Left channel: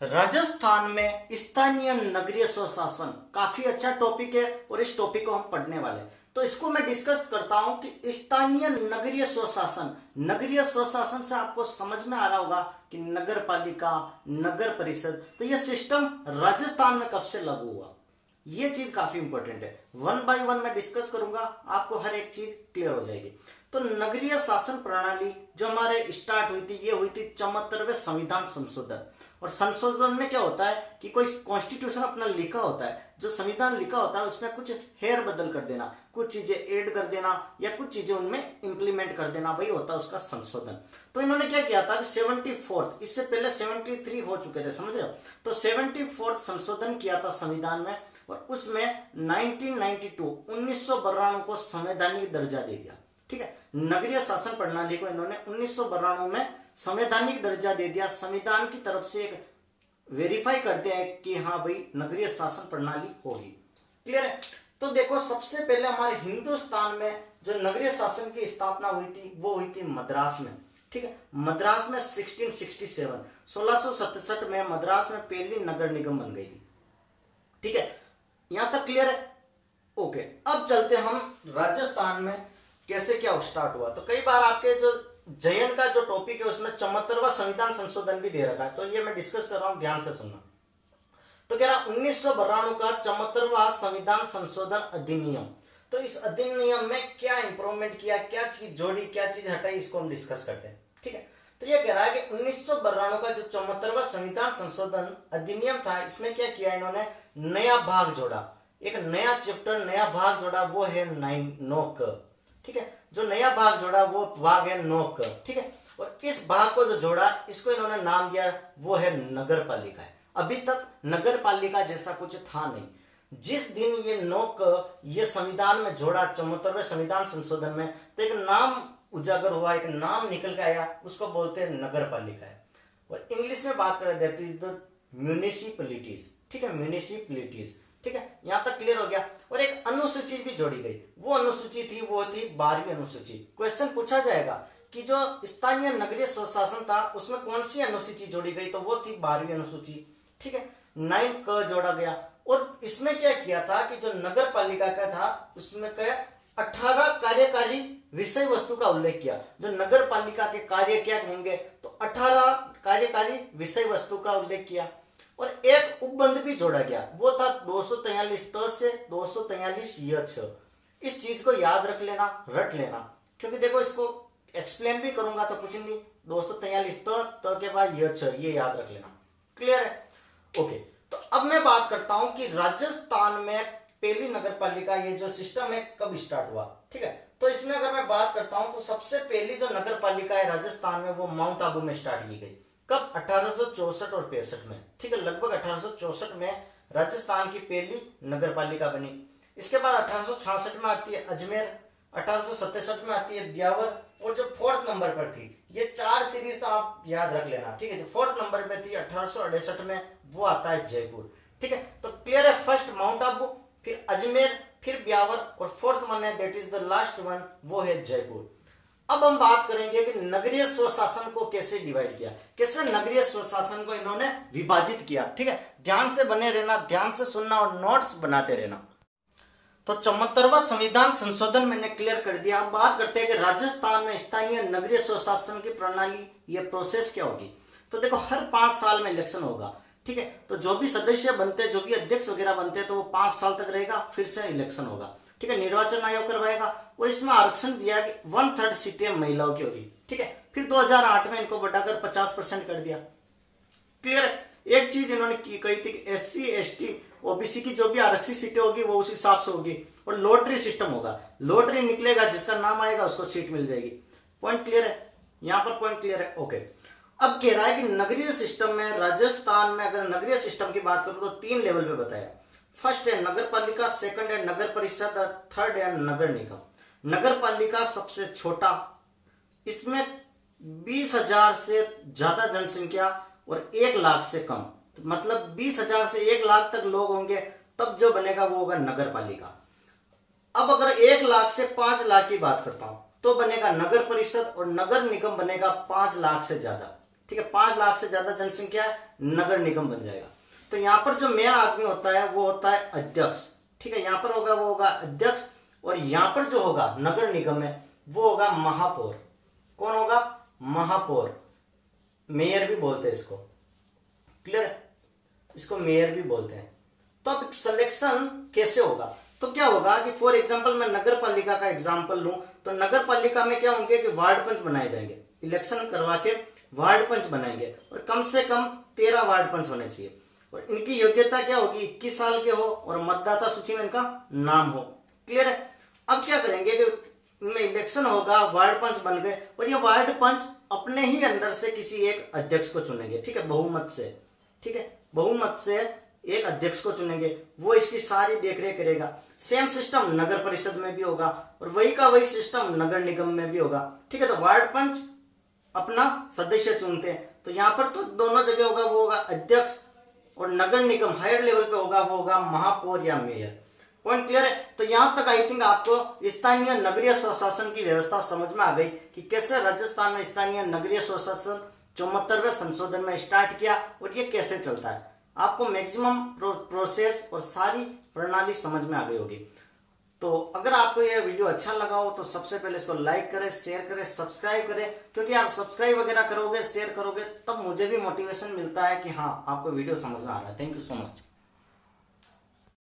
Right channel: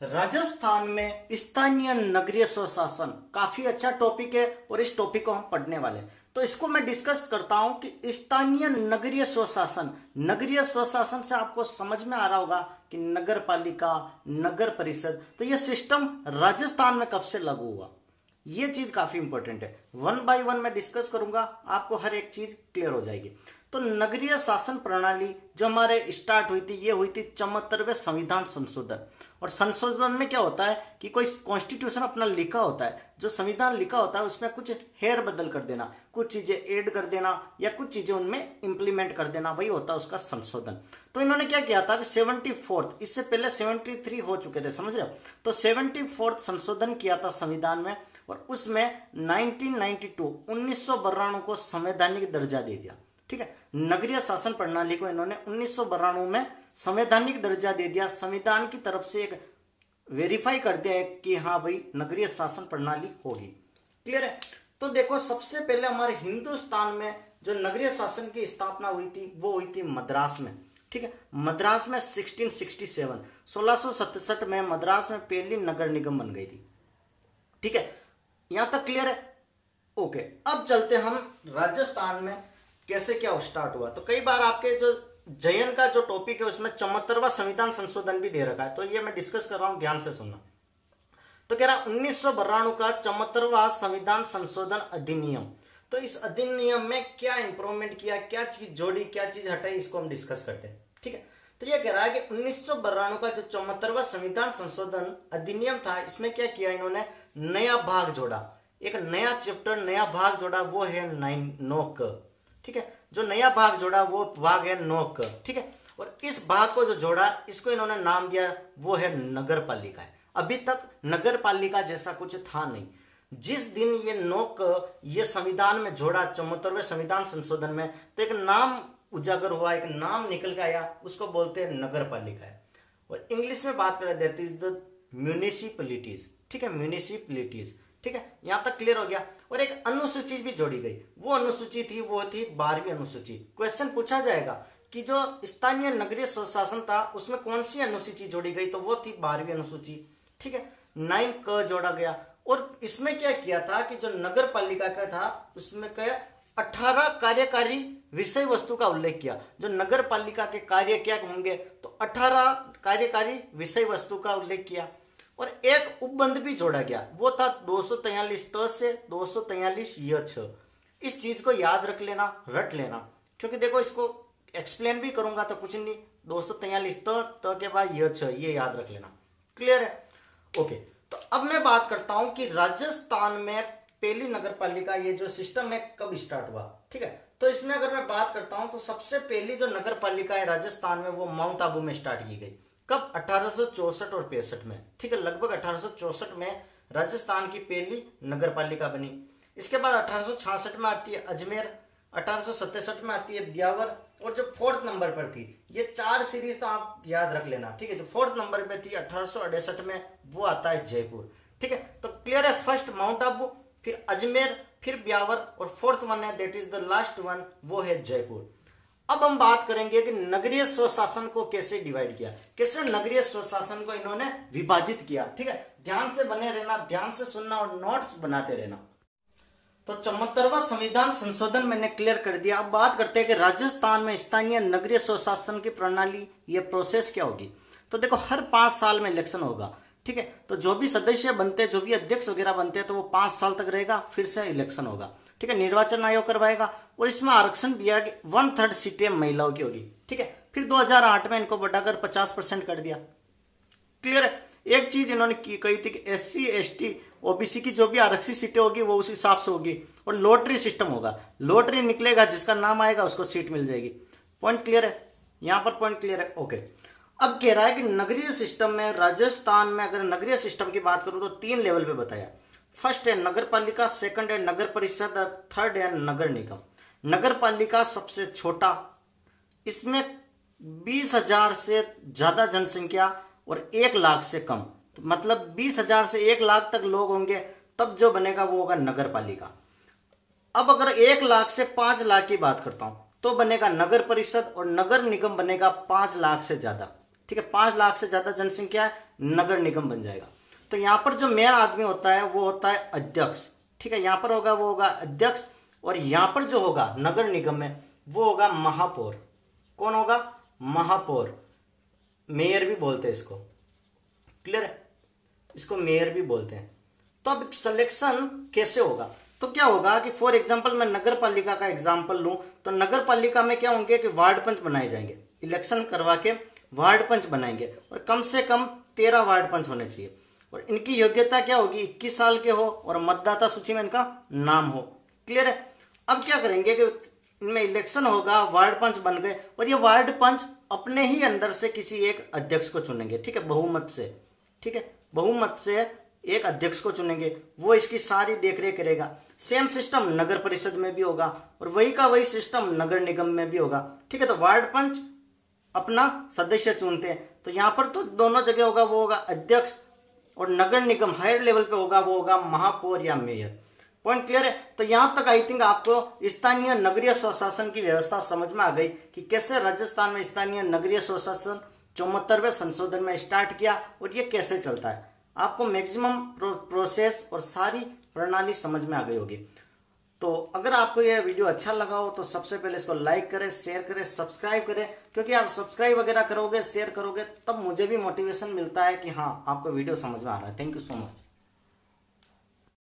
राजस्थान में स्थानीय नगरीय स्वशासन काफी अच्छा टॉपिक है और इस टॉपिक को हम पढ़ने वाले हैं। तो इसको मैं डिस्कस करता हूं कि स्थानीय नगरीय स्वशासन, नगरीय स्वशासन से आपको समझ में आ रहा होगा कि नगर पालिका, नगर परिषद, तो यह सिस्टम राजस्थान में कब से लागू हुआ, ये चीज काफी इंपॉर्टेंट है। वन बाय वन मैं डिस्कस करूंगा, आपको हर एक चीज क्लियर हो जाएगी। तो नगरीय शासन प्रणाली जो हमारे स्टार्ट हुई थी, ये हुई थी 74वें संविधान संशोधन। और संशोधन में क्या होता है कि कोई कॉन्स्टिट्यूशन अपना लिखा होता है, जो संविधान लिखा होता है उसमें कुछ हेर बदल कर देना, कुछ चीजें ऐड कर देना या कुछ चीजें उनमें इंप्लीमेंट कर देना, वही होता है उसका संशोधन। तो इन्होंने क्या किया था कि 74th, इससे पहले 73 हो चुके थे, समझ रहे हो। तो 74th संशोधन किया था संविधान में, और उसमें 1992 को संवैधानिक दर्जा दे दिया। ठीक है, नगरीय शासन प्रणाली को इन्होंने 1992 में संवैधानिक दर्जा दे दिया। संविधान की तरफ से एक वेरीफाई कर दिया है कि हाँ भाई नगरीय शासन प्रणाली होगी। क्लियर है। तो देखो, सबसे पहले हमारे हिंदुस्तान में जो नगरीय शासन की स्थापना हुई थी वो हुई थी मद्रास में। ठीक है, मद्रास में 1667 में मद्रास में पहली नगर निगम बन गई थी। ठीक है, यहां तक क्लियर है। ओके, अब चलते हम राजस्थान में कैसे क्या स्टार्ट हुआ। तो कई बार आपके जो जयन का जो टॉपिक है उसमें 74वां संविधान संशोधन भी दे रखा है, तो ये मैं डिस्कस कर रहा हूं, ध्यान से सुनना। तो कह रहा 1992 का 74वां संविधान संशोधन अधिनियम। तो इस अधिनियम में क्या इंप्रूवमेंट किया, क्या चीज जोड़ी, क्या चीज हटाई, इसको हम डिस्कस करते हैं। ठीक है, तो ये कह रहा है कि 1992 का जो 74वां संविधान संशोधन अधिनियम था, इसमें क्या किया इन्होंने, नया भाग जोड़ा, एक नया चैप्टर, नया भाग जोड़ा, वो है 9 ठीक है, जो नया भाग जोड़ा वो भाग है 9 ठीक है, और इस भाग को जो जोड़ा इसको इन्होंने नाम दिया वो है नगर पालिका है। अभी तक नगर पालिका जैसा कुछ था नहीं। जिस दिन ये 9 ये संविधान में जोड़ा 74वें संविधान संशोधन में, तो एक नाम उजागर हुआ, एक नाम निकल के आया, उसको बोलते हैं नगर पालिका है। और इंग्लिश में बात करें दैट इज द म्यूनिसिपैलिटीज। ठीक है, म्यूनिसिपैलिटीज। ठीक है, यहां तक क्लियर हो गया। और एक अनुसूची भी जोड़ी गई, वो अनुसूची थी, वो थी 12वीं अनुसूची। क्वेश्चन पूछा जाएगा कि जो स्थानीय नगरीय स्वशासन था उसमें कौन सी अनुसूची जोड़ी गई, तो वो थी 12वीं अनुसूची। ठीक है, 9 जोड़ा गया। और इसमें क्या किया था कि जो नगर पालिका का था उसमें क्या 18 कार्यकारी विषय वस्तु का उल्लेख किया। जो नगर पालिका के कार्य क्या होंगे, तो 18 कार्यकारी विषय वस्तु का उल्लेख किया। और एक उपबंध भी जोड़ा गया, वो था 243 त से 243 य। इस चीज को याद रख लेना, रट लेना, क्योंकि देखो इसको एक्सप्लेन भी करूंगा तो कुछ नहीं, 243 त के बाद य, ये याद रख लेना। क्लियर है। ओके, तो अब मैं बात करता हूं कि राजस्थान में पहली नगर पालिका, ये जो सिस्टम है, कब स्टार्ट हुआ। ठीक है, तो इसमें अगर मैं बात करता हूं तो सबसे पहली जो नगर पालिका है राजस्थान में वो माउंट आबू में स्टार्ट की गई। कब, 1864 और 65 में। ठीक है, लगभग 1864 में राजस्थान की पहली नगर पालिका बनी। इसके बाद 1866 में आती है अजमेर, 1867 में आती है ब्यावर, और जो 4th नंबर पर थी, ये 4 सीरीज तो आप याद रख लेना। ठीक है, जो 4th नंबर पे थी 1868 में, वो आता है जयपुर। ठीक है, तो क्लियर है। फर्स्ट माउंट आबू, फिर अजमेर, फिर ब्यावर, और 4th वन है that is the last one, वो है जयपुर। अब हम बात करेंगे कि नगरीय स्वशासन को कैसे डिवाइड किया, कैसे नगरीय स्वशासन को इन्होंने विभाजित किया। ठीक है, ध्यान से बने रहना, ध्यान से सुनना और नोट्स बनाते रहना। तो 74वां संविधान संशोधन मैंने क्लियर कर दिया। अब बात करते हैं कि राजस्थान में स्थानीय नगरीय स्वशासन की प्रणाली, ये प्रोसेस क्या होगी। तो देखो, हर 5 साल में इलेक्शन होगा। ठीक है, तो जो भी सदस्य बनते, जो भी अध्यक्ष वगैरह बनते, तो वो 5 साल तक रहेगा, फिर से इलेक्शन होगा। ठीक है, निर्वाचन आयोग करवाएगा। और इसमें आरक्षण दिया कि 1/3 सीटें महिलाओं की होगी। ठीक है, फिर 2008 में इनको बढ़ाकर 50% कर दिया। क्लियर है। एक चीज इन्होंने कही थी कि SC ST OBC की जो भी आरक्षित सीटें होगी वो उस हिसाब से होगी, और लॉटरी सिस्टम होगा। लॉटरी निकलेगा, जिसका नाम आएगा उसको सीट मिल जाएगी। पॉइंट क्लियर है, यहां पर पॉइंट क्लियर है। ओके, अब कह रहा है कि नगरीय सिस्टम में राजस्थान में, अगर नगरीय सिस्टम की बात करूं तो 3 लेवल पे बताया। फर्स्ट है नगर पालिका, सेकंड है नगर परिषद, थर्ड है नगर निगम। नगर पालिका सबसे छोटा, इसमें 20,000 से ज्यादा जनसंख्या और 1 लाख से कम, तो मतलब 20,000 से 1 लाख तक लोग होंगे, तब जो बनेगा वो होगा नगर पालिका। अब अगर 1 लाख से 5 लाख की बात करता हूं तो बनेगा नगर परिषद, और नगर निगम बनेगा 5 लाख से ज्यादा। ठीक है, 5 लाख से ज्यादा जनसंख्या है, नगर निगम बन जाएगा। तो यहाँ पर जो मेयर आदमी होता है वो होता है अध्यक्ष, ठीक है, यहाँ पर होगा वो होगा अध्यक्ष, और यहाँ पर जो होगा नगर निगम में वो होगा महापौर। कौन होगा? महापौर, मेयर भी बोलते हैं इसको, क्लियर है, इसको मेयर भी बोलते हैं। तो अब सिलेक्शन कैसे होगा? तो क्या होगा कि फॉर एग्जांपल मैं नगर पालिका का एग्जांपल लूं तो नगर पालिका में क्या होंगे कि वार्ड पंच बनाए जाएंगे, इलेक्शन करवा के वार्ड पंच बनाएंगे, और कम से कम 13 वार्ड पंच होने चाहिए, और इनकी योग्यता क्या होगी? 21 साल के हो और मतदाता सूची में इनका नाम हो, क्लियर है। अब क्या करेंगे कि इनमें इलेक्शन होगा, वार्ड पंच बन गए, और ये वार्ड पंच अपने ही अंदर से किसी एक अध्यक्ष को चुनेंगे, ठीक है, बहुमत से, ठीक है, बहुमत से एक अध्यक्ष को चुनेंगे, वो इसकी सारी देखरेख करेगा। सेम सिस्टम नगर परिषद में भी होगा, और वही का वही सिस्टम नगर निगम में भी होगा, ठीक है। तो वार्ड पंच अपना सदस्य चुनते हैं, तो यहाँ पर तो दोनों जगह होगा, वो होगा अध्यक्ष, और नगर निगम हायर लेवल पे होगा वो होगा महापौर या मेयर। पॉइंट क्लियर है? तो यहां तक आई थिंक आपको स्थानीय नगरीय स्वशासन की व्यवस्था समझ में आ गई कि कैसे राजस्थान में स्थानीय नगरीय स्वशासन 74वें संशोधन में स्टार्ट किया और ये कैसे चलता है। आपको मैक्सिमम प्रोसेस और सारी प्रणाली समझ में आ गई होगी। तो अगर आपको यह वीडियो अच्छा लगा हो तो सबसे पहले इसको लाइक करें, शेयर करें, सब्सक्राइब करें, क्योंकि यार सब्सक्राइब वगैरह करोगे, शेयर करोगे, तब मुझे भी मोटिवेशन मिलता है कि हाँ आपको वीडियो समझ में आ रहा है। Thank you so much.